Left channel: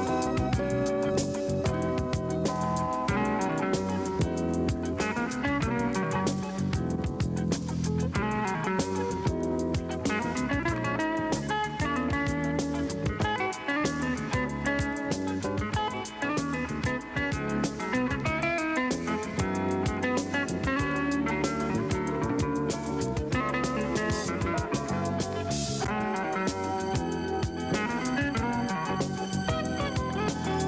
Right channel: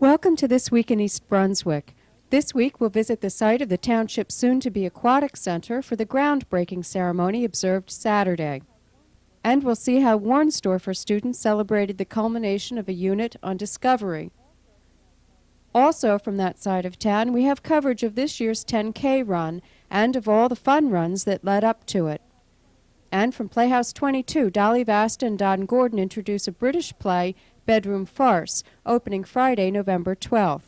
Welcome to This Week in East Brunswick. This week we'll visit the site of the township's soon-to-be aquatic center for the groundbreaking ceremony observed Saturday. And we'll see how Warnsdorfer students celebrated the culmination of a unit on Discovery. Also from that side of town, we have coverage of this year's 10K run and of all the fun runs that led up to it. And from Playhouse 22, Dolly Vasta and Don Gordon introduce a British play, Bedroom Farce, opening Friday, November 12th.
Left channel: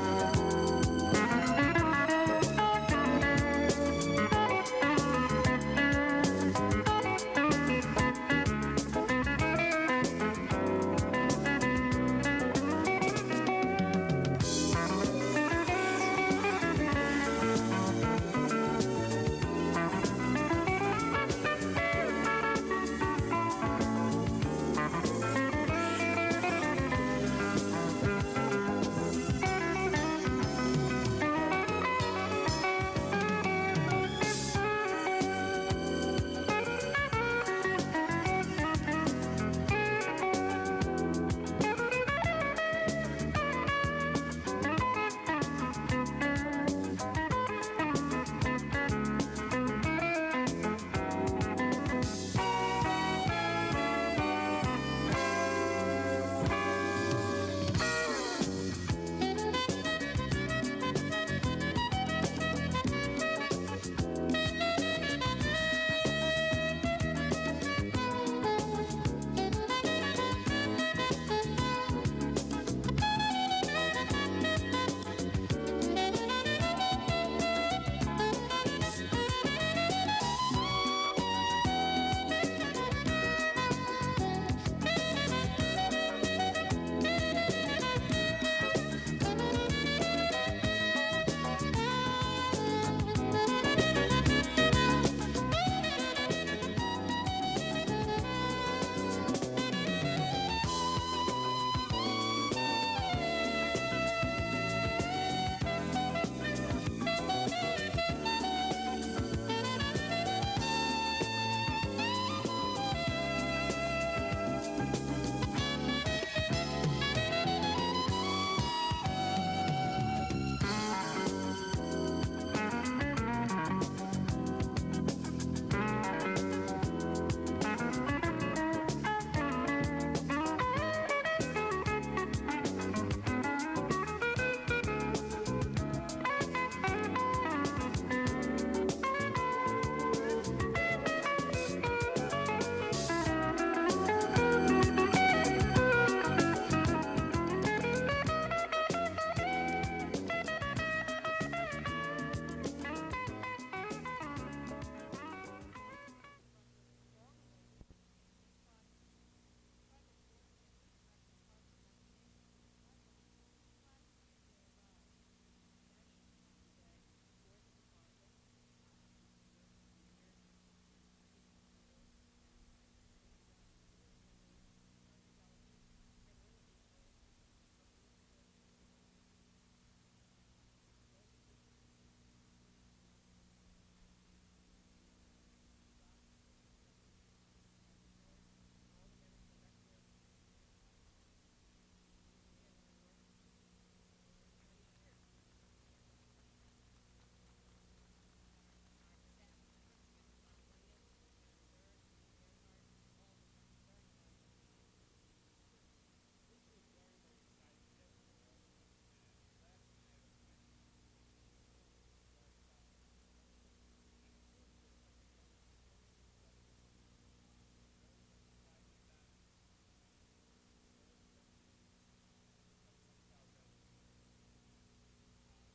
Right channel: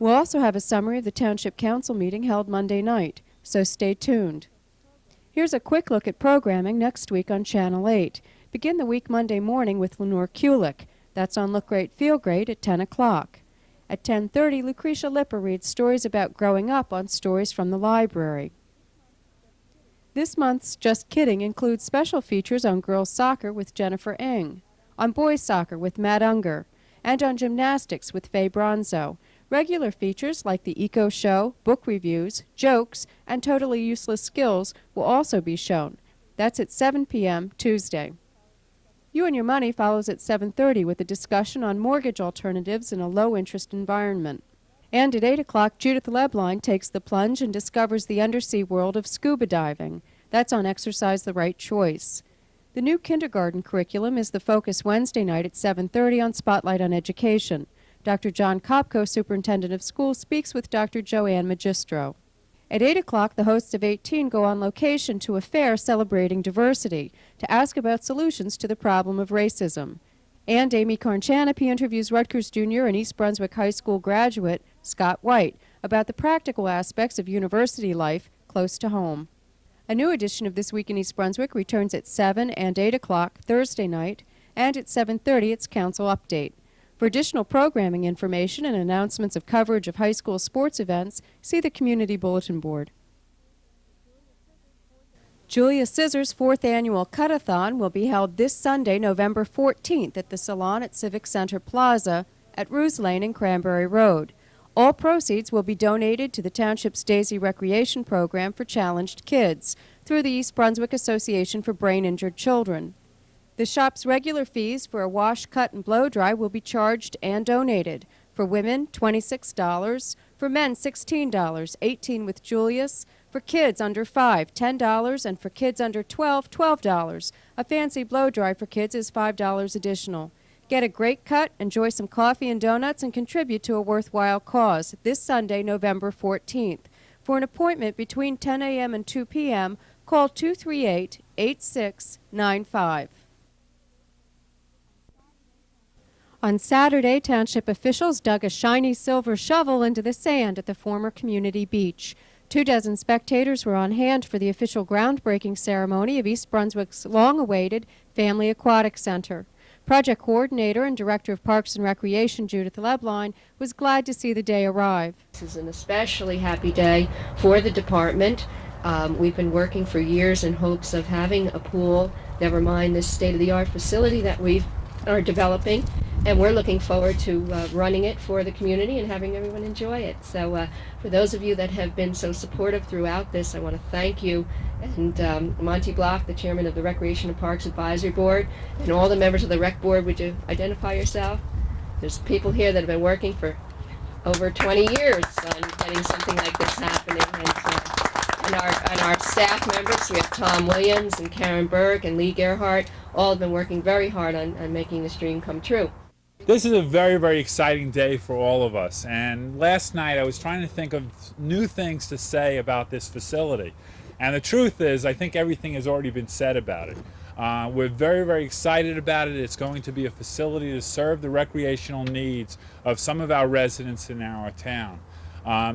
We'll also have a summary of the Township Council meeting held Monday night, so stay tuned. Here's a quick look at programming next week on Channel 8. Begin the week Monday morning with Lenore Kulik. That's on Look Great, Feel Great at 10 o'clock. At 10:30, Lucretia Lipper reads stories about growing up on Stories from the Library. This month's Just Kidding includes special features on girls soccer with Jennifer Ng, on boys soccer with Matt Unger, and on gymnastics with Faye Bronzo. Regular features like the Eco Show, book reviews, jokes, and totally useless skills will also be shown. That's at 7 p.m. Tuesday. You and Your Money follows at 7:30 with a discussion on mortgage alternatives in a low-interest environment. And at 8 o'clock, Judith Lebline takes the plunge and discovers the undersea world of scuba diving. That's on Exercise the Right Choice. The new kindergarten curriculum is the focus Wednesday night at 7:30 on Spotlight on Education. Dr. John Kopko, Superintendent of Schools, speaks with Dr. Joanne Magistro. At 8 o'clock, the hosts of 18 go on location to a fair celebrating diversity to ask about solutions to the problem of racism. And Amy Carnchanapi interviews Rutgers Junior and East Brunswick High School graduate Scott White about the practical aspects of university life close to home. A new edition of This Week in East Brunswick returns at 7 and 8 o'clock Thursday night, and at 7:30 it's Council Update. For additional programming information and announcements of coverage of high school sports events, see the Community Bulletin Board. Julius Scissor's 4th annual Cut-A-Thon will be held this Sunday, November 14th at the Salon at Civic Center Plaza at Ruse Lane and Cranberry Road. All proceeds will be donated to the Township's Daisy Recreation Program for challenged kids through the East Brunswick Association for Brain-Injured Children. The shop's regular fees for a wash, cut, and blow dry will be charged and donated. For women, $26. For men, $16, 18 with Julius. For kids under 5, $10, and for kids under 12, $12. A fancy blow dry for kids is $5 additional. Get a great cut, enjoy some coffee and donuts, and contribute to a worthwhile cause this Sunday, November 14th. For an appointment between 10 a.m. and 2 p.m., call 238-8695. On Saturday, Township officials dug a shiny silver shovel into the sand at the former community beach. 24 spectators were on hand for the official groundbreaking ceremony of East Brunswick's long-awaited Family Aquatic Center. Project Coordinator and Director of Parks and Recreation, Judith Lebline, was glad to see the day arrive. This is an especially happy day for the department. We've been working for years in hopes of having a pool, never mind this state-of-the-art facility that we are developing, and we're looking forward to running it for the community and having everyone enjoy it. So for those of you that have been so supportive throughout this, I want to thank you. And Monty Block, the chairman of the Recreation and Parks Advisory Board, and all the members of the Rec Board, would you identify yourself? There's people here that have been working for over 20 years on getting something like this happening. And our staff members, we have Tom Williams and Karen Berg and Lee Gerhardt, all have been working very hard on making this dream come true. This is a very, very exciting day for all of us. And last night I was trying to think of new things to say about this facility. And the truth is, I think everything has already been said about it. We're very, very excited about it. It's going to be a facility to serve the recreational needs of some of our residents in our town.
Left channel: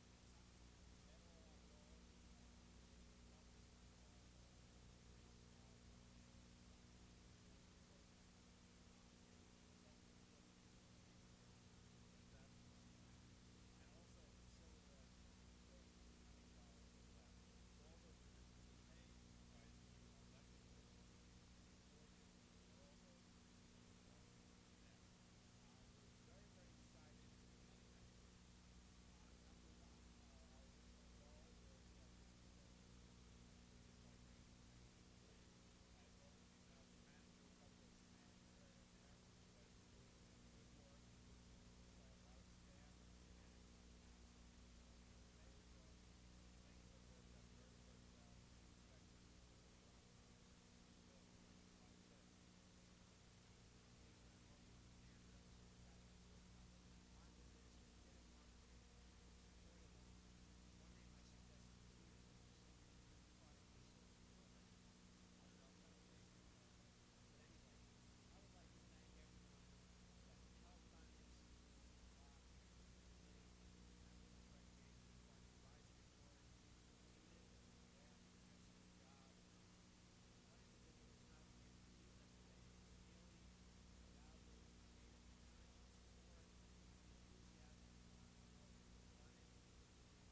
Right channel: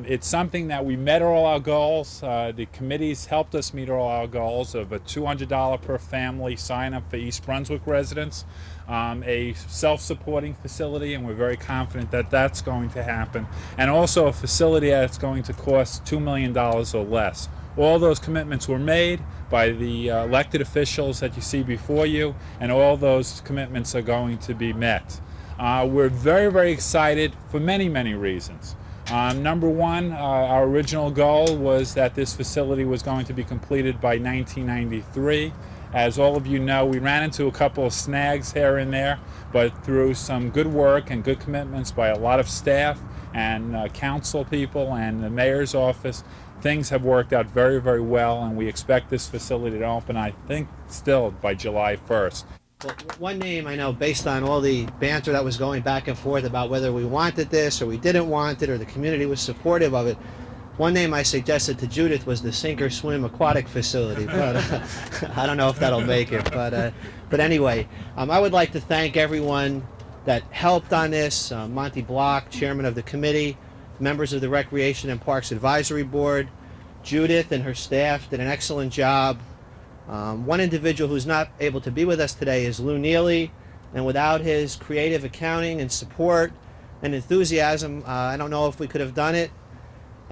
It's something that we met all our goals. The committees helped us meet all our goals of a $200 per family sign up for East Brunswick residents, a self-supporting facility, and we're very confident that that's going to happen, and also a facility that's going to cost $2 million or less. All those commitments were made by the elected officials that you see before you, and all those commitments are going to be met. We're very, very excited for many, many reasons. Number one, our original goal was that this facility was going to be completed by 1993, As all of you know, we ran into a couple of snags here and there, but through some good work and good commitments by a lot of staff and council people and the mayor's office, things have worked out very, very well, and we expect this facility to open, I think, still by July 1st. Well, one name I know, based on all the banter that was going back and forth about whether we wanted this or we didn't want it or the community was supportive of it, one name I suggested to Judith was the Sink or Swim Aquatic Facility, but I don't know if that'll make it. But anyway, I would like to thank everyone that helped on this. Monty Block, chairman of the committee, members of the Recreation and Parks Advisory Board. Judith and her staff did an excellent job. One individual who's not able to be with us today is Lou Neely, and without his creative accounting and support and enthusiasm, I don't know if we could have done it.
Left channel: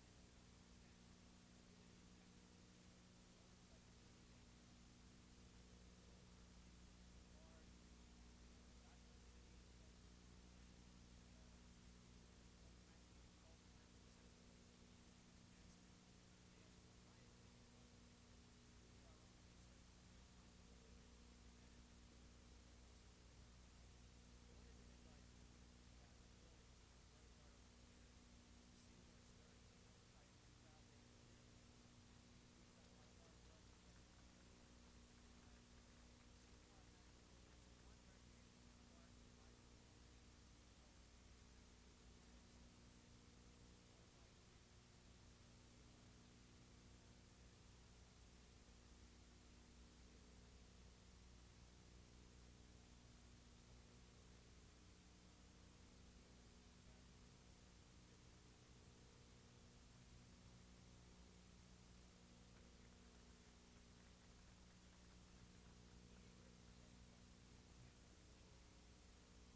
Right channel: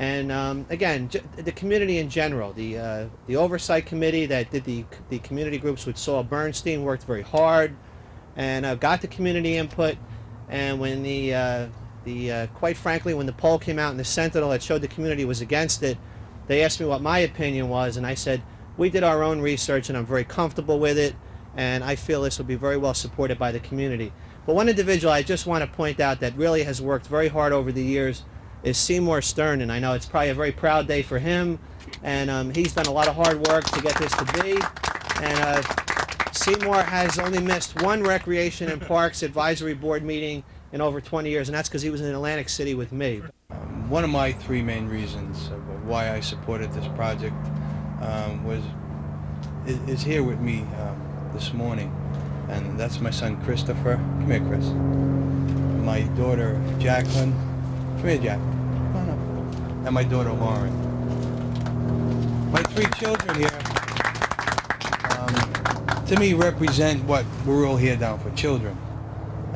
And again, the community in general, the oversight committee that did the community groups with Saul Bernstein worked very hard and got the community input. And when quite frankly, when the poll came out in the Sentinel that showed the community was against it, they asked me what my opinion was, and I said, we did our own research and I'm very comfortable with it, and I feel this will be very well supported by the community. But one individual I just want to point out that really has worked very hard over the years is Seymour Stern, and I know it's probably a very proud day for him, and he's done a lot of hard work to get this to be. And Seymour has only missed one Recreation and Parks Advisory Board meeting in over 20 years, and that's because he was in Atlantic City with me. One of my three main reasons of why I supported this project is here with me this morning, and that's my son Christopher. Come here, Chris. My daughter Jacqueline. Come here, Jack. Come on up. And my daughter Lauren. My three children here, to me, represent what we're all here down for, children.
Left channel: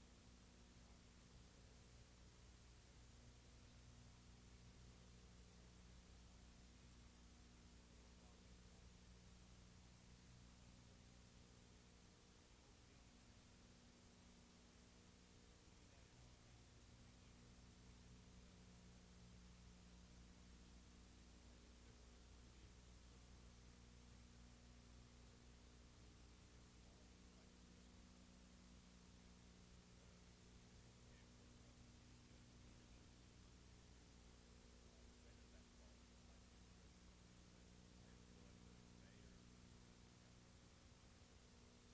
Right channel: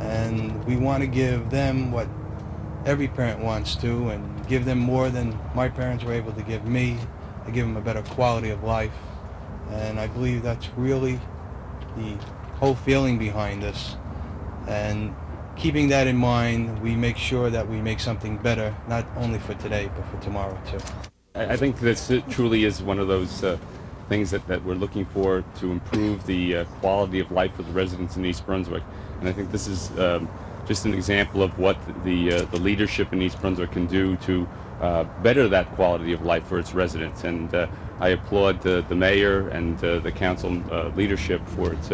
And we want to give them what every parent wants to, and give them more than my parents were able to give me, to give them a better quality of life. And I believe that's really the whole feeling behind this. And keeping that in mind, we make sure that we make something better, not only for today, but for tomorrow too. I think this truly is one of those things that we're looking for to improve the quality of life for the residents in East Brunswick. And I think this is just an example of what the leadership in East Brunswick can do to better that quality of life for its residents. And I applaud the mayor and the council leadership for its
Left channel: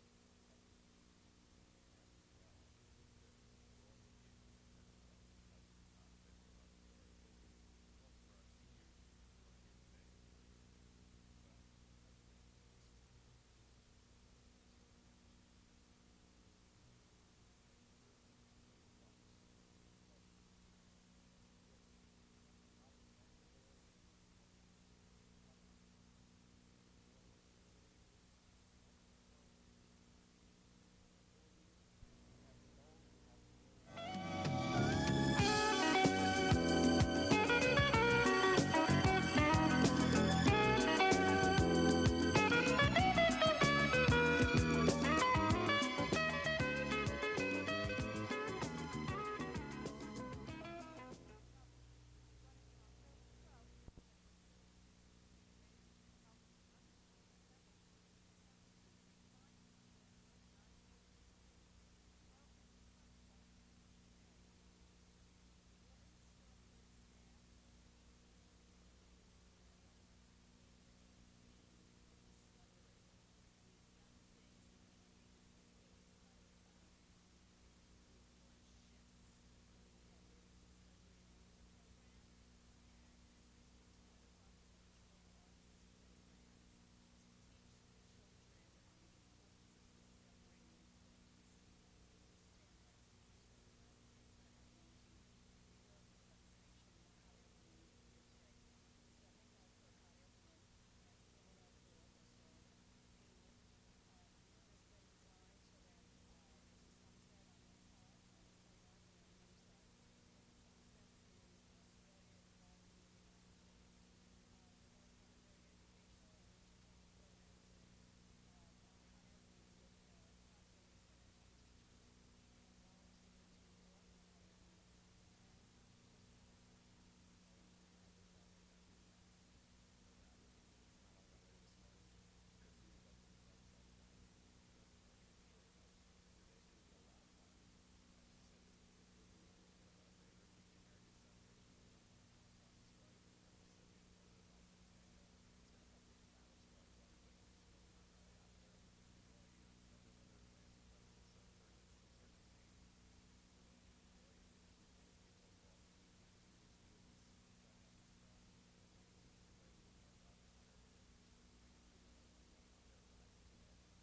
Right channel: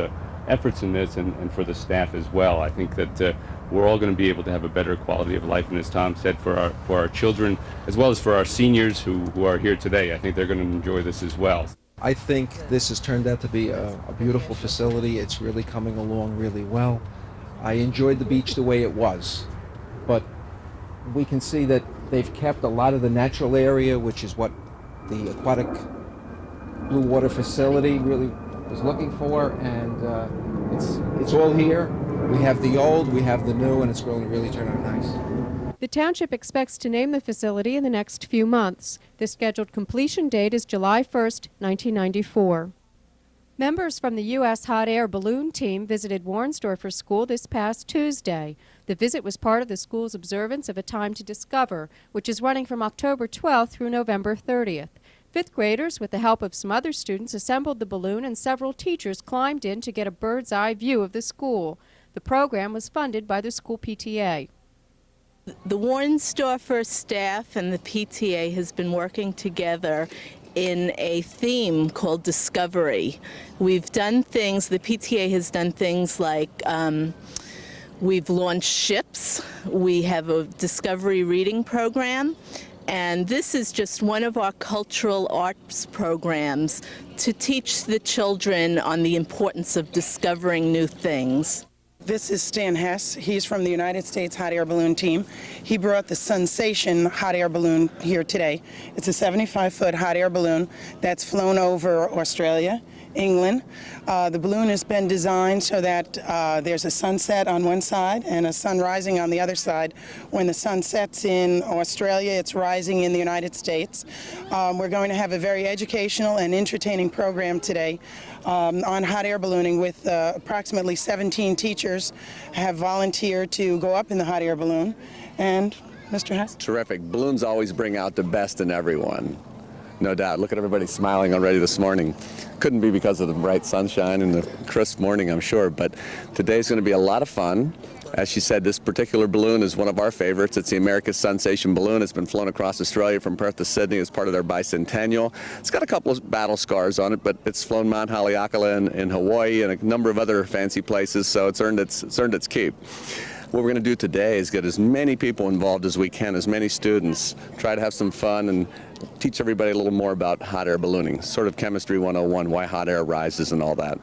efforts in this, and for the staff as well. I think that we're all going to be able to have a better quality of life, and as Tom said, for our children, as well as for our seniors who are here today. I think they're going to enjoy this as well. I think this has turned out to be a beautiful facility. It's really coming along really well. I enjoyed the beach the way it was, but we can see that they've kept a lot of the natural area, which is what the aquatic blue water facility really was looking for, and it's all here. We have the old, we have the new, and it's going to really turn out nice. The township expects to name the facility in the next few months. The scheduled completion date is July 1st, 1994. Members from the U.S. Hot Air Balloon team visited Warnsdorfer School this past Tuesday. The visit was part of the school's observance of A Time to Discover, which is running from October 12th through November 30th. Fifth graders, with the help of some other students, assembled the balloon, and several teachers climbed in to get a bird's-eye view of the school. The program was funded by the school PTA. The Warnsdorfer staff and the PTA has been working together in a theme called Discovery. We've done things, the PTA has done things like we've launched ships, we have a Discovery reading program, and this is just one of our cultural arts programs to teach the children on the importance of discovering new things. This is Stan Hess. He's from the United States Hot Air Balloon Team. He brought the Sensation hot air balloon here today. It's a 75-foot hot air balloon that's flown over Australia, England. The balloon has been designed so that there's a sunset on one side and a sun rising on the other side. When the sun sets in Australia, it's rising in the United States. We're going to have a very educational and entertaining program today on hot air ballooning with approximately 17 teachers have volunteered to go up in the hot air balloon. And Mr. Hess? Terrific. Balloons always bring out the best in everyone. No doubt. Look at everybody smiling already this morning. Couldn't be because of the bright sunshine and the crisp morning, I'm sure, but today's going to be a lot of fun. As she said, this particular balloon is one of our favorites. It's the America's Sensation balloon. It's been flown across Australia from Perth to Sydney as part of their bicentennial. It's got a couple of battle scars on it, but it's flown Mount Haleakala in Hawaii and a number of other fancy places, so it's earned its keep. What we're going to do today is get as many people involved as we can, as many students, try to have some fun and teach everybody a little more about hot air ballooning, sort of chemistry 101, why hot air rises and all that.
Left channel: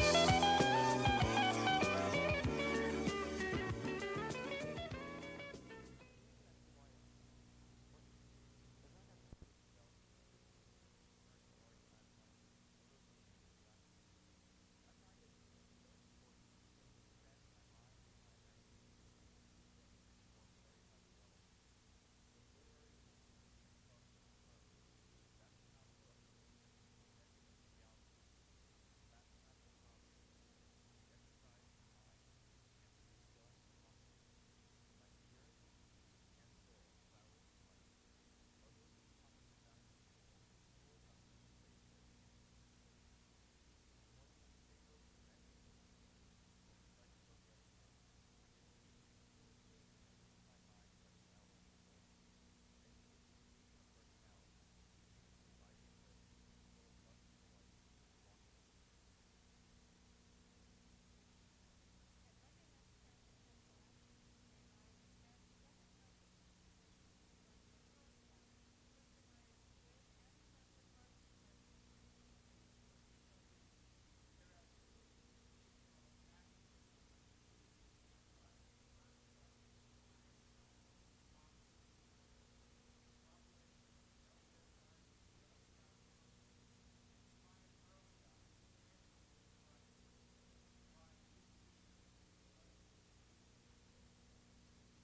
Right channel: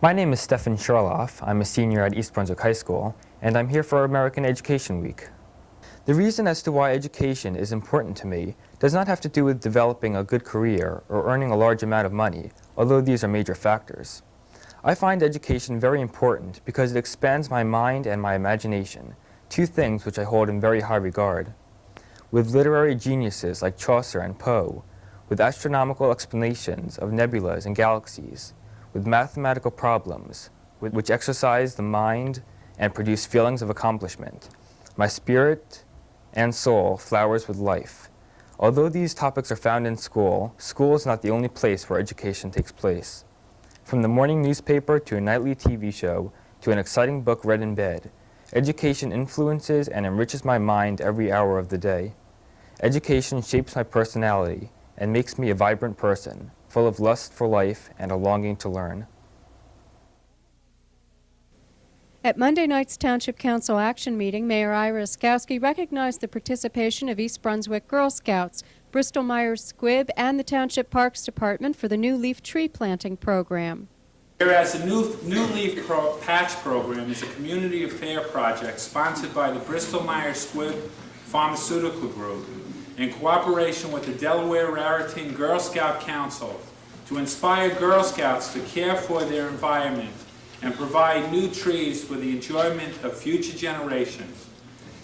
My name is Stefan Schirloff. I'm a senior at East Brunswick High School, and I'm here for American Education Week. The reason as to why education is important to me does not have to do with developing a good career or earning a large amount of money, although these are major factors. I find education very important because it expands my mind and my imagination, two things which I hold in very high regard. With literary geniuses like Chaucer and Poe, with astronomical explanations of nebulas and galaxies, with mathematical problems which exercise the mind and produce feelings of accomplishment, my spirit and soul flowers with life. Although these topics are found in school, school is not the only place where education takes place. From the morning newspaper to a nightly TV show to an exciting book read in bed, education influences and enriches my mind every hour of the day. Education shapes my personality and makes me a vibrant person, full of lust for life and a longing to learn. At Monday night's Township Council action meeting, Mayor Ira Oskowski recognized the participation of East Brunswick Girl Scouts, Bristol Myers Squibb, and the Township Parks Department for the new leaf tree planting program. Whereas the new leaf patch program is a community affair project sponsored by the Bristol Myers Squibb Pharmaceutical Group in cooperation with the Delaware Raritan Girl Scout Council to inspire Girl Scouts to care for their environment and provide new trees for the enjoyment of future generations.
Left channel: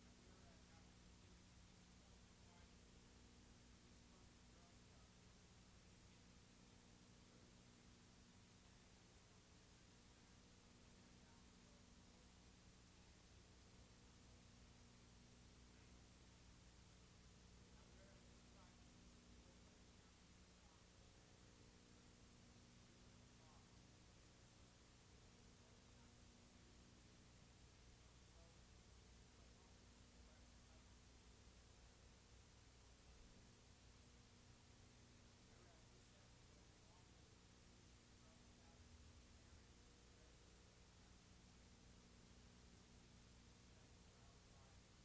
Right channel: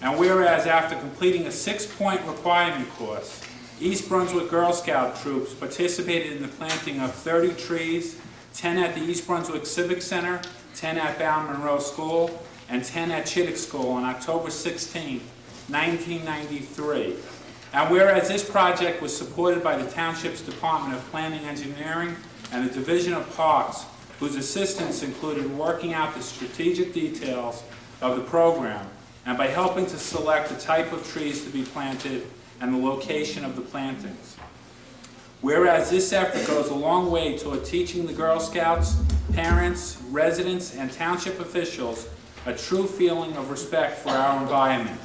And whereas after completing a 6-point requirement course, East Brunswick Girl Scout troops participated in the planting of 30 trees, 10 at the East Brunswick Civic Center, 10 at Ballon Monroe School, and 10 at Chittick School on October 16, 1993. And whereas this project was supported by the Township's Department of Planning Engineering and the Division of Parks, whose assistance included working out the strategic details of the program and by helping to select the type of trees to be planted and the location of the plantings. Whereas this effort goes a long way toward teaching the Girl Scouts, parents, residents, and township officials a true feeling of respect for our environment.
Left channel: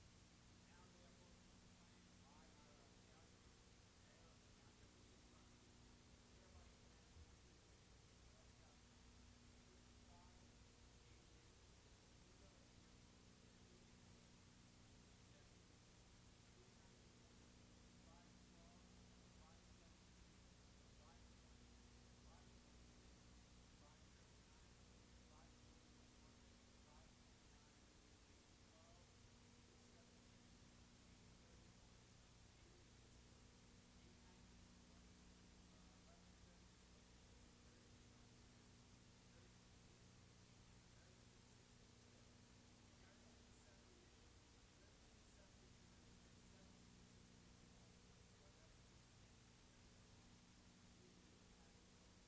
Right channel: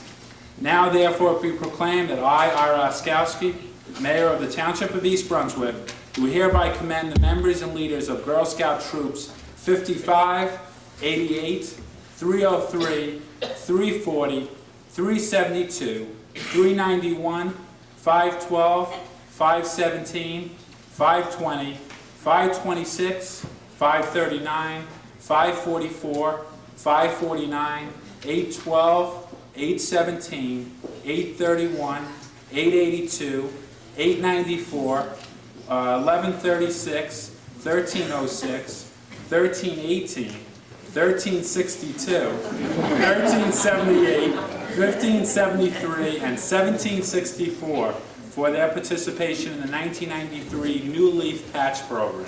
Now, therefore, be proclaimed that I, Ira Oskowski, Mayor of the Township of East Brunswick, do hereby commend the members and leaders of Girl Scout Troops 55, 88, 303, 340, 372, 391, 512, 517, 520, 526, 539, 544, 549, 812, 817, 831, 882, 894, 1136, 1306, 1318, 1362, 1378, 1573, and 1764 for their participation in the 1993 New Leaf Patch Program.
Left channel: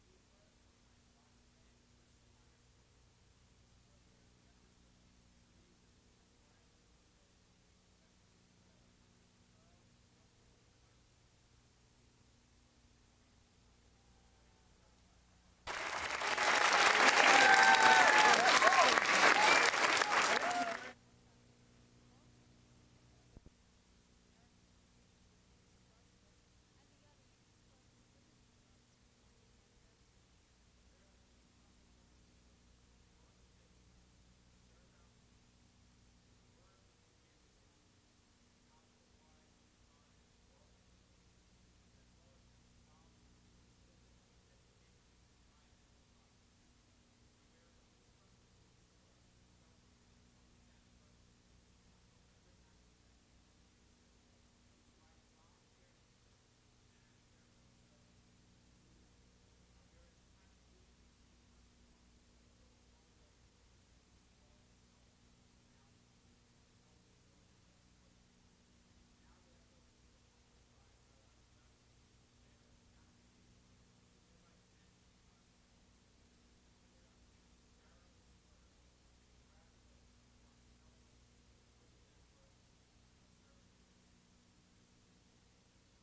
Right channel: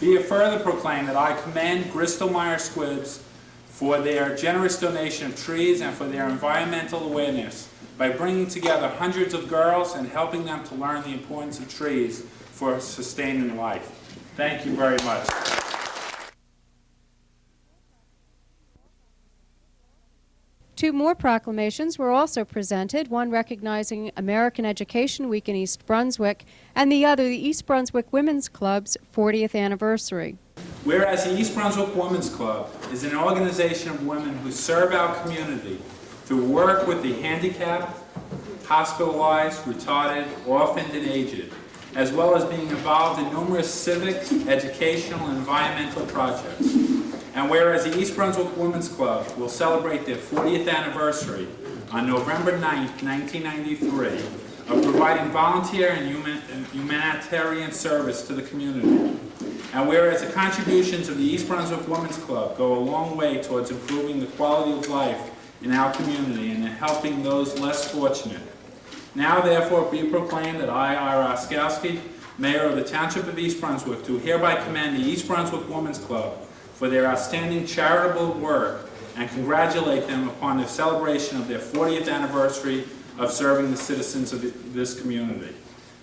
Be it further proclaimed that I commend Bristol-Myers Squibbs for their generous donation of trees and for their environmental awareness by bringing together hundreds of girls and helping them to learn the importance of trees for sustaining life. Thank you very much. Two more proclamations were also presented, one recognizing American Education Week in East Brunswick, and the other the East Brunswick Women's Club's 40th anniversary. Whereas the East Brunswick Women's Club is an organization of women who serve our community through work with the handicapped, hospitalized, retarded, orphaned, and aged, as well as being involved in numerous civic, educational, and environmental projects. And whereas the East Brunswick Women's Club will celebrate their 40th anniversary on November 9th, 1993, of providing volunteer and humanitarian service to the community. And whereas the contributions of the East Brunswick Women's Club go a long way towards improving the quality of life in our community and in helping those less fortunate. Now therefore be proclaimed that I, Ira Oskowski, Mayor of the Township of East Brunswick, do hereby commend the East Brunswick Women's Club for their outstanding charitable work and congratulate them upon the celebration of their 40th anniversary of serving the citizens of this community.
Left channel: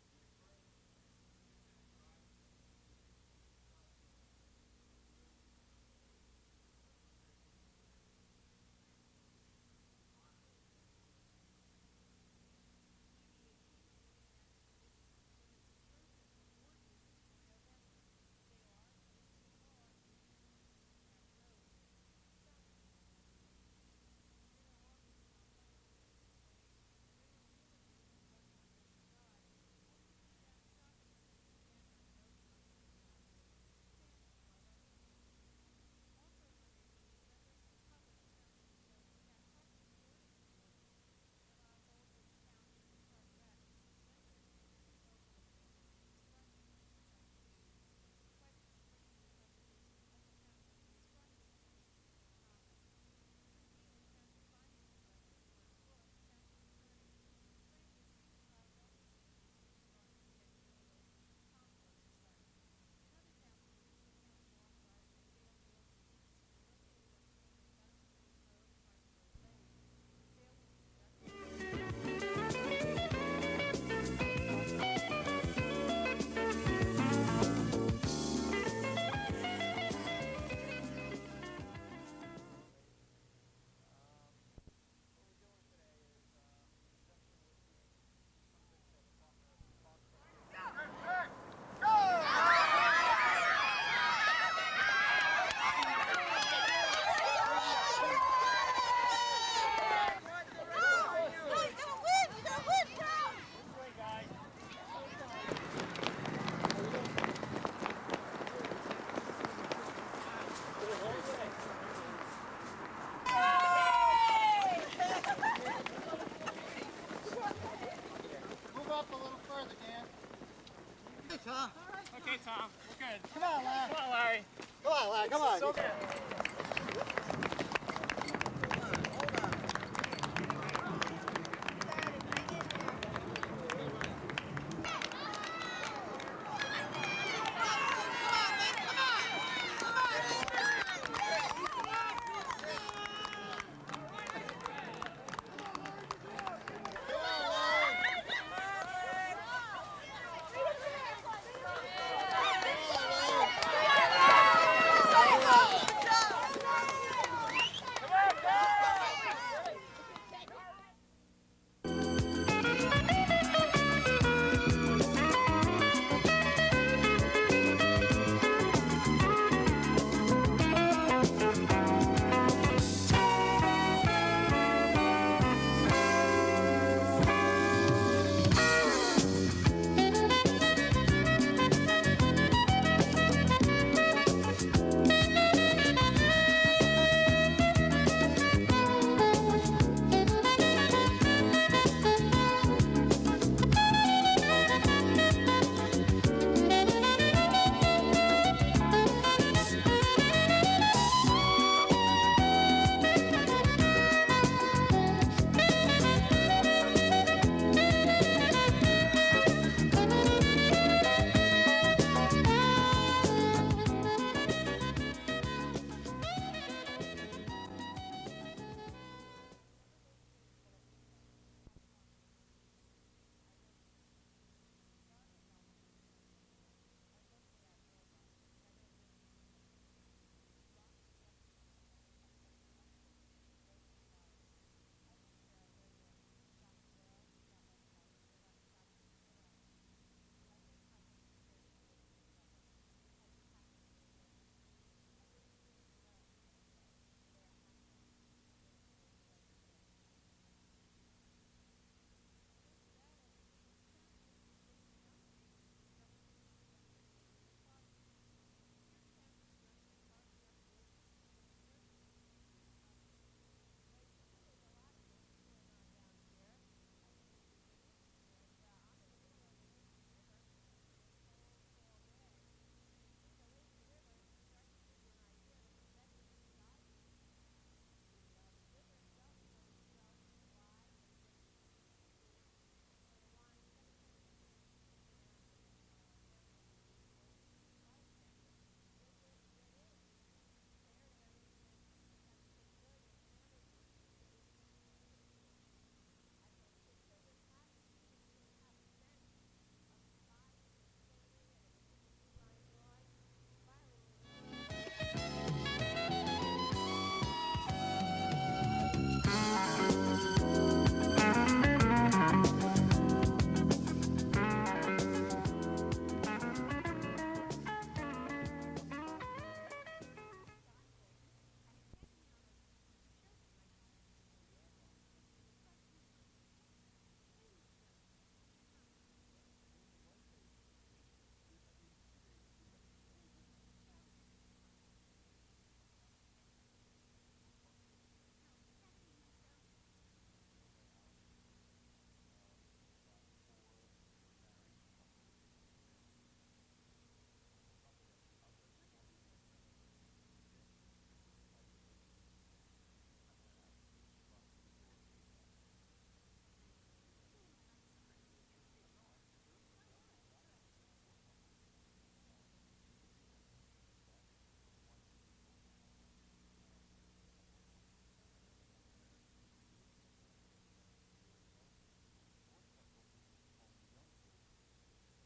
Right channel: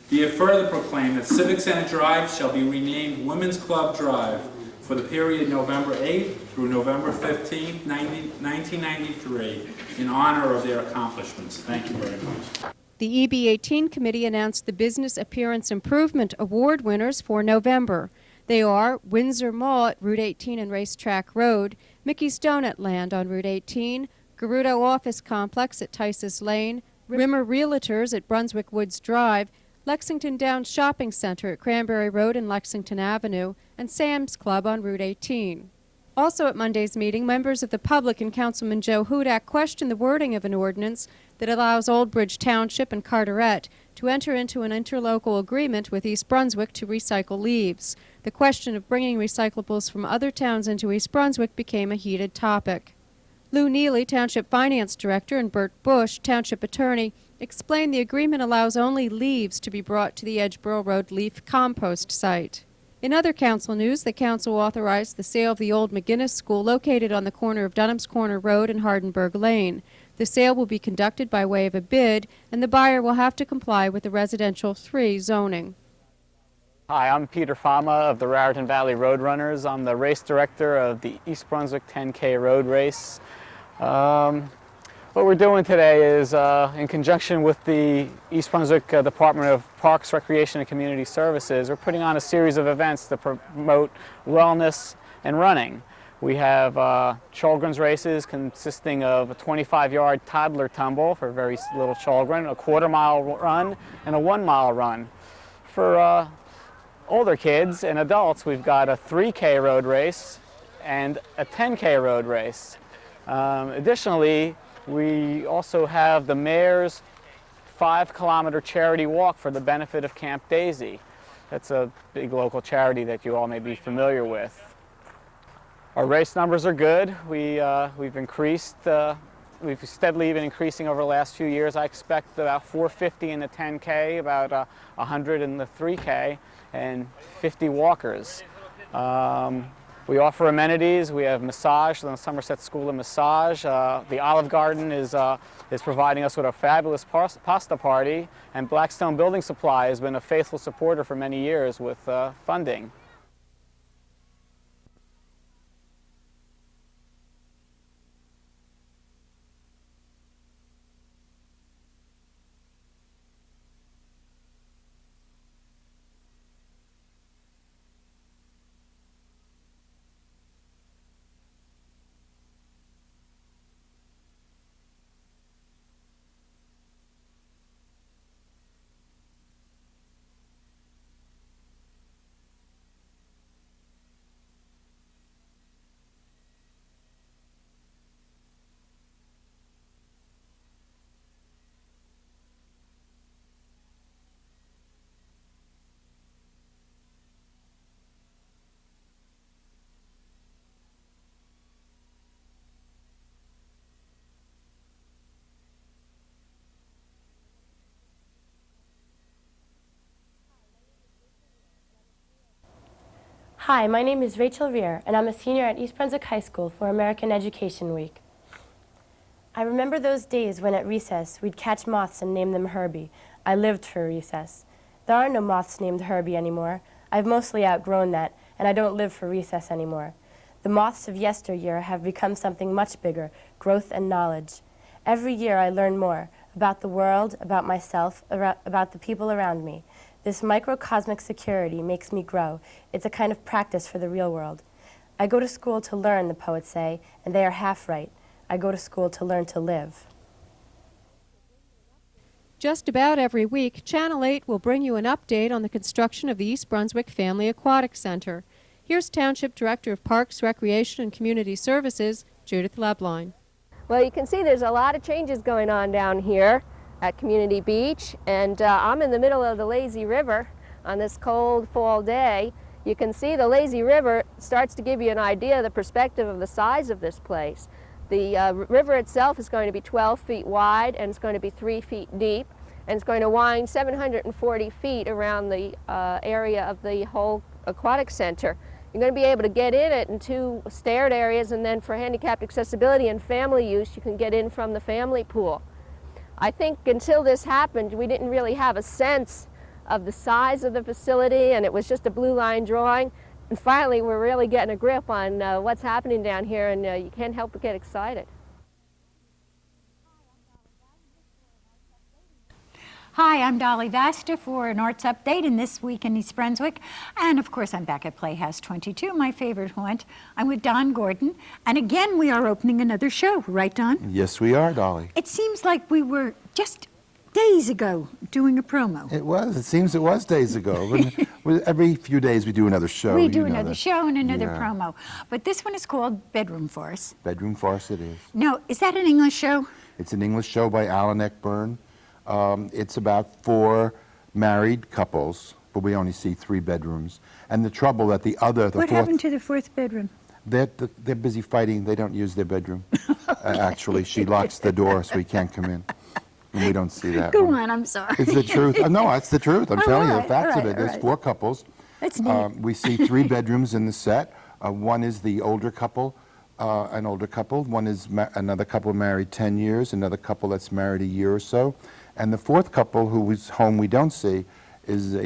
Be it further proclaimed that Civic Center Drive shall be renamed Women's Club Drive for the period November 8th through November 15th, 1993, in honor of their accomplishments. Thank you very much. The EB18 committee announced the Business Appearance Improvement Award winners for November. They are Windsor Mall at Route 18 and Racetrack Road, Mickey's Donut Land on Route 18, Gerudo Office Complex at Tices Lane, Rimmer Realtors at Brunswick Woods Drive, Lexington Downs Shopping Center at Cranberry Road and Lexington Avenue, and Sam's Club on Route 18. Also at Monday's meeting, members of the public and Councilman Joe Hudak questioned the wording of an ordinance that allows Old Bridge Township and Carteret to enter into an interlocal agreement with East Brunswick to recycle leaves. The question of bringing recyclables from other towns into East Brunswick became a heated topic. Lou Neely, Township Finance Director, and Bert Bush, Township Attorney, explained the agreement allows only leaves to be brought to the Edgeboro Road Leaf Compost site. In other council news, the council authorized the sale of the old McGinnis School located on the corner of Dunham's Corner Road and Hardenberg Lane. The sale will be conducted by way of a bid, and the buyer will have to comply with the Residential 3 zoning. Hi, I'm Peter Fama of the Raritan Valley Roadrunners. I'm the race director of the East Brunswick 10K Road Race. What we're doing today is, in conjunction with the East Brunswick Department of Parks, Recreation, and Community Services, we're putting on a series of events to promote wellness and running. We have children's races consisting of a 25-yard toddler tumble for very little children, a quarter-mile run, and a 1-mile run. For older kids and adults, we've got a 3K road race and a 10K road race. Additionally, we also have the Mayor's 5-kilometer charity walk for the benefit of Camp Daisy. That's a big local charity that you all may be familiar with. Our race numbers are good. We've steadily been increasing over the last few years. I expect about 450 in the 10K, about 100 in the 3K, and 50 walkers. We offer amenities. We have massage, the Somerset School of Massage. The Olive Garden is providing us with a fabulous pasta party, and Blackstone Building Supply has been a faithful supporter for many years with funding. Hi, my name is Rachel Veer, and I'm a senior at East Brunswick High School for American Education Week. I remember those days when at recess we'd catch moths and name them Herbie. I lived for recess. There are no moths named Herbie anymore. I've mostly outgrown that, and I don't live for recess anymore. The moths of yesteryear have become something much bigger, growth and knowledge. Every year I learn more about the world, about myself, about the people around me. This microcosmic security makes me grow. It's a kind of practice for the real world. I go to school to learn, the poets say, and they are half right. I go to school to learn to live. Just about every week, Channel 8 will bring you an update on the construction of the East Brunswick Family Aquatic Center. Here's Township Director of Parks, Recreation and Community Services, Judith Lebline. Well, you can see there's a lot of changes going on down here at Community Beach, and I'm in the middle of the lazy river on this cold fall day. You can see the lazy river starts to give you an idea of the perspective of the size of this place. The river itself is going to be 12 feet wide, and it's going to be 3 feet deep, and it's going to wind 740 feet around the area of the whole aquatic center. You're going to be able to get in it in 2 staired areas, and then for handicapped accessibility and family use, you can get in from the family pool. I think until this happened, we didn't really have a sense of the size of the facility, and it was just a blue line drawing. And finally, we're really getting a grip on what's happening down here, and you can't help but get excited. Hi, I'm Dolly Vaster for an arts update in This Week in East Brunswick. And of course, I'm back at Playhouse 22, my favorite haunt. I'm with Don Gordon. And again, we are opening another show, right, Don? Yes, we are, Dolly. It seems like we were just days ago doing a promo. It was. It seems it was days ago. Every few days we do another show. We do another show and another promo. But this one is called Bedroom Farce. Bedroom Farce it is. Now, is that an English show? It's an English show by Alan Eckburn. It's about 4 married couples, but we only see 3 bedrooms. And the trouble that the What happened to the 4th bedroom? They're busy fighting. They don't use their bedroom. Actually, she locks the door so he can't come in. And we don't see that. Go on, I'm sorry. It's the truth. No, it's the truth. I'm telling you the facts of it. There's 4 couples. That's neat. We see 3 bedrooms in the set. One is the older couple, an older couple. One is another couple married 10 years, another couple that's married a year or so. And the 4th couple, who is home we don't see, is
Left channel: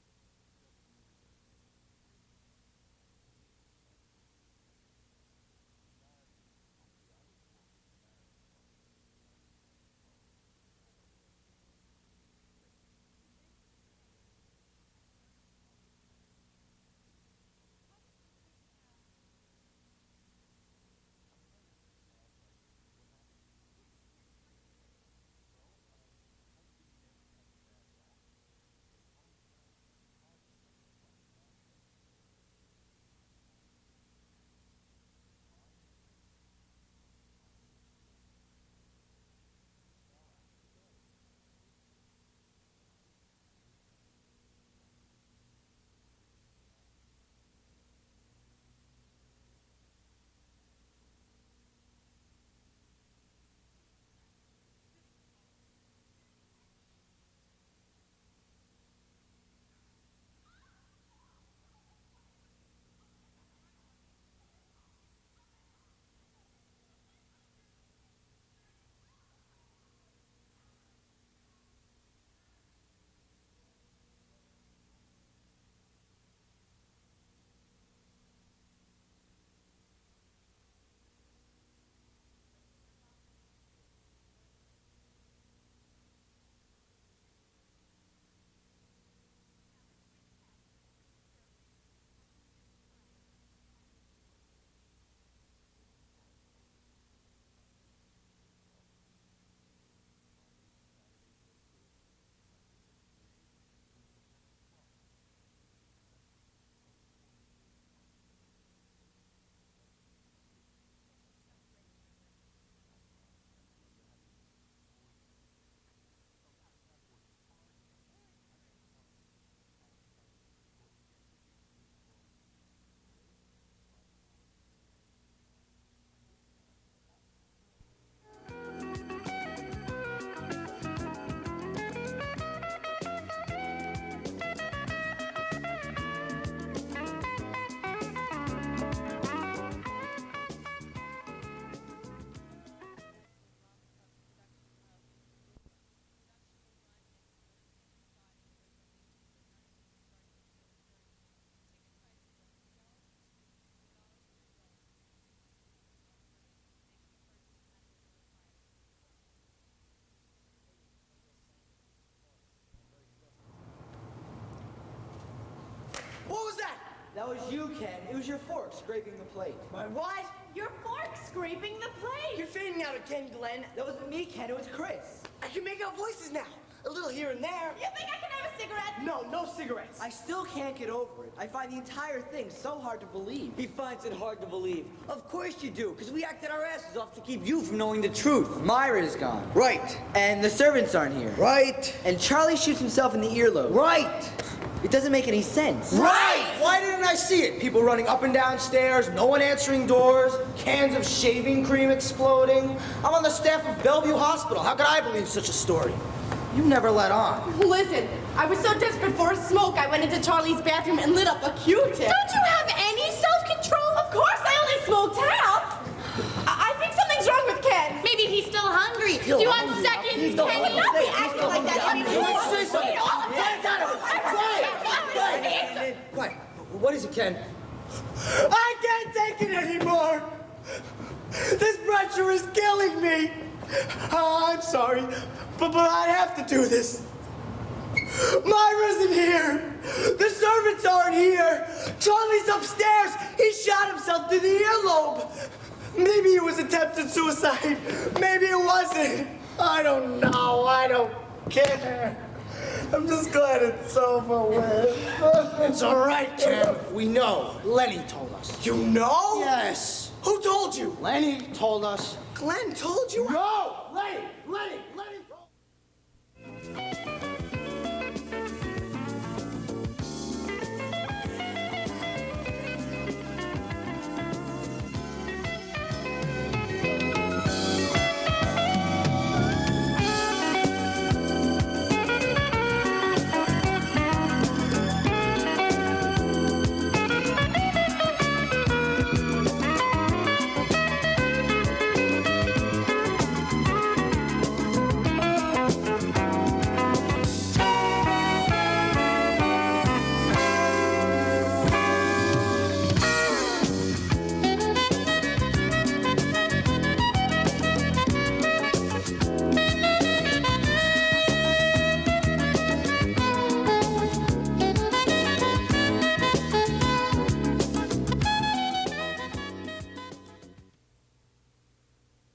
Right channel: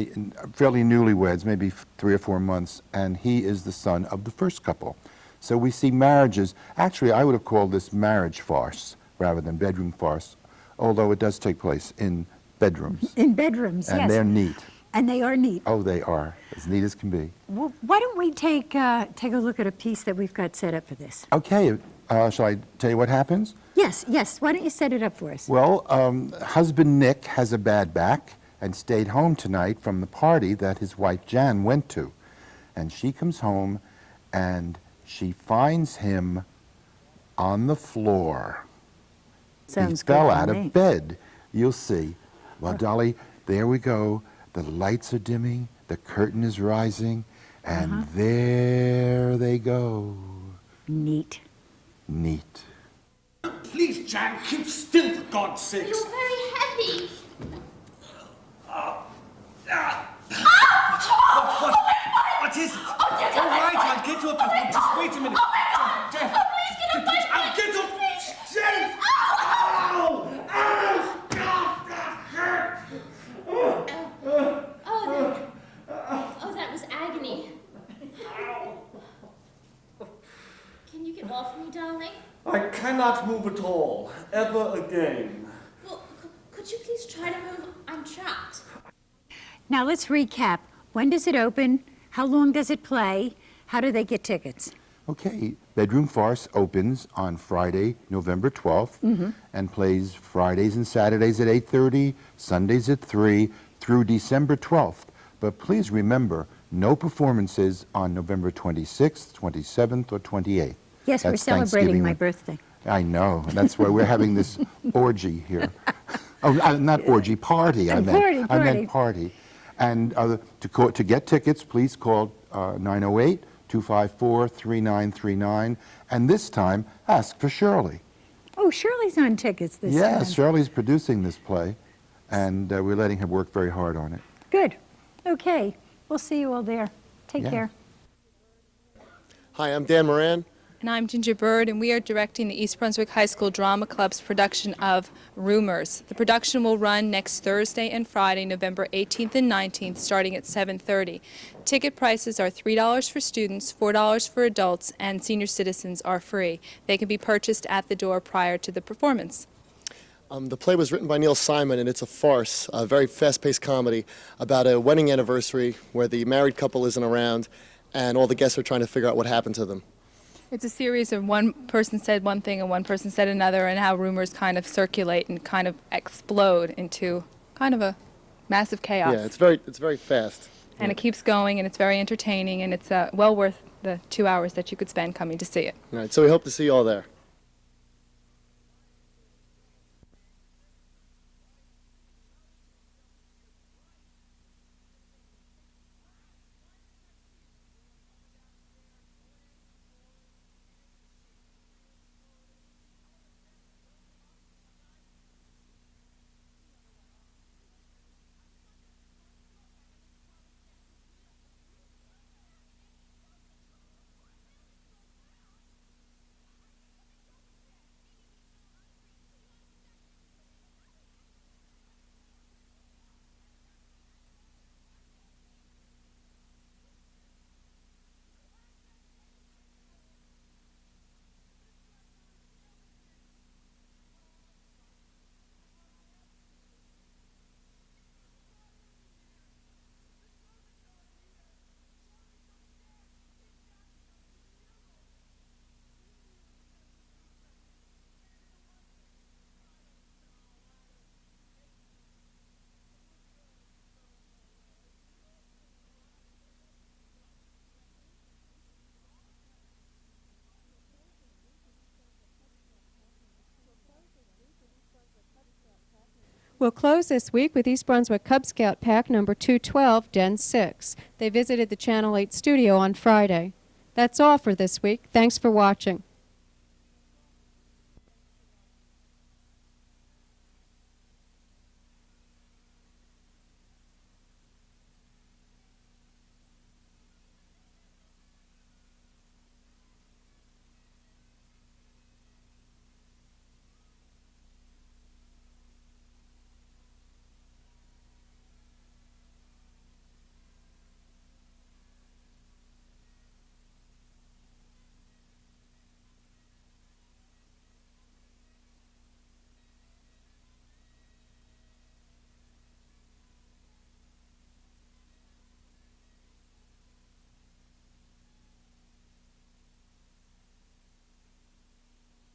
fairly newlyweds, maybe 3 or 4 months, and he is the son of the first couple. So we see marriages. Actually, I would have called this marriage farce rather than bedroom farce, although it does take place in bedrooms. In bedrooms, yes. And they're neat. And they are neat. Oh, they are. As neat as can be. Well, why don't we take a look at a piece that we've got set up for this? Okay. Shall I tell you what happens? Yes, yes. Why don't you set it up for us? Well, husband Nick has a bad back and stayed home tonight from the party that his wife Jan went to. And she comes home and she finds him on the floor. Sounds he fell good out to me. of bed. You'll see. Well, Dolly, there we go. The lights are dimming, the curtain is rising, and there they go. Neat. Neat. Please, Jan, keep still, for God's sake. You're very heavy. What is it? All right, I'll get you up. Just wait a minute. Oh, my God! Jan, Oh, please get up, buddy. I'll get you up. Please. Jan! Ow! Oh, that was agony. Can you get off me, darling? I cannot move at all, ever again. Well, could you please try to move? I'm trapped. Now let's recap. When does it open? How long does it play? How do they get tickets? Okay, Bedroom Farce opens on Friday, November 12th, and plays Fridays and Saturdays at 8:30, Sundays at 3, through December 12th. But please remember, no performances on November 26th, 27th, or 28th. Yes, we're That's celebrating Thanksgiving my week. birthday. I know, and that's why we're having this orgy here. Oh, not orgy, party, I meant. I meant party. And to get tickets, please call 908-254-3939, and this time, ask for Shirley. Oh, Shirley's on tickets this time. Yes, Shirley's producing this play, and we're letting her work very hard on it. Good. Okay. We'll see you all there. Take care. Hi, I'm Dan Moran. And I'm Ginger Bird, and we are directing the East Brunswick High School Drama Club's production of Rumors. The production will run next Thursday and Friday, November 18th and 19th, starting at 7:30. Ticket prices are $3 for students, $4 for adults, and senior citizens are free. They can be purchased at the door prior to the performance. The play was written by Neil Simon, and it's a farce, a very fast-paced comedy about a wedding anniversary where the married couple isn't around, and all the guests are trying to figure out what happened to them. It's a series of one person said one thing and one person said another, and how rumors kind of circulate and kind of explode into kind of a massive chaos. Yeah, it's very fast. And it keeps going, and it's very entertaining, and it's well worth the 2 hours that you could spend coming to see it. Right, so we hope to see you all there. To keep you from knowing the truth. Myra is gone. Right. And the servants aren't here. Right. And Charlie shoots himself in the earlobe. Right. It doesn't make any sense. Right! Why didn't I see it? People running up and down stairs, no one answering doors, cans of shaving cream exploding. I'm on the staff of Bellevue Hospital. How could I believe such a story? You never let on. Listen, I was so desperate for a smoke, I went into Charlie's bathroom and lit up a Q-tip. Don't you have any self-control? Of course, I only smoked half. I think something's wrong with Ken. Maybe he's still hungry. Do you want seconds? Ken, you not be acting like that. Quiet. What is it, Ken? I can't take it anymore. This pressure is killing me. I'm sorry, but I have to do this. Myra's isn't here. The servants aren't here. Charlie's upstairs. He shot himself through the earlobe. Maybe it was attempted suicide. Maybe it wasn't. I don't know. I don't care. I'm just glad it's over with. It's all right, Ken. We know. Lenny told us. You know? Yes. Who told you? Lenny told us. Glenn told you? No! Lenny told. We'll close this week with East Brunswick Cub Scout Pack number 212, Den 6. They visited the Channel 8 studio on Friday. That's all for this week. Thanks for watching.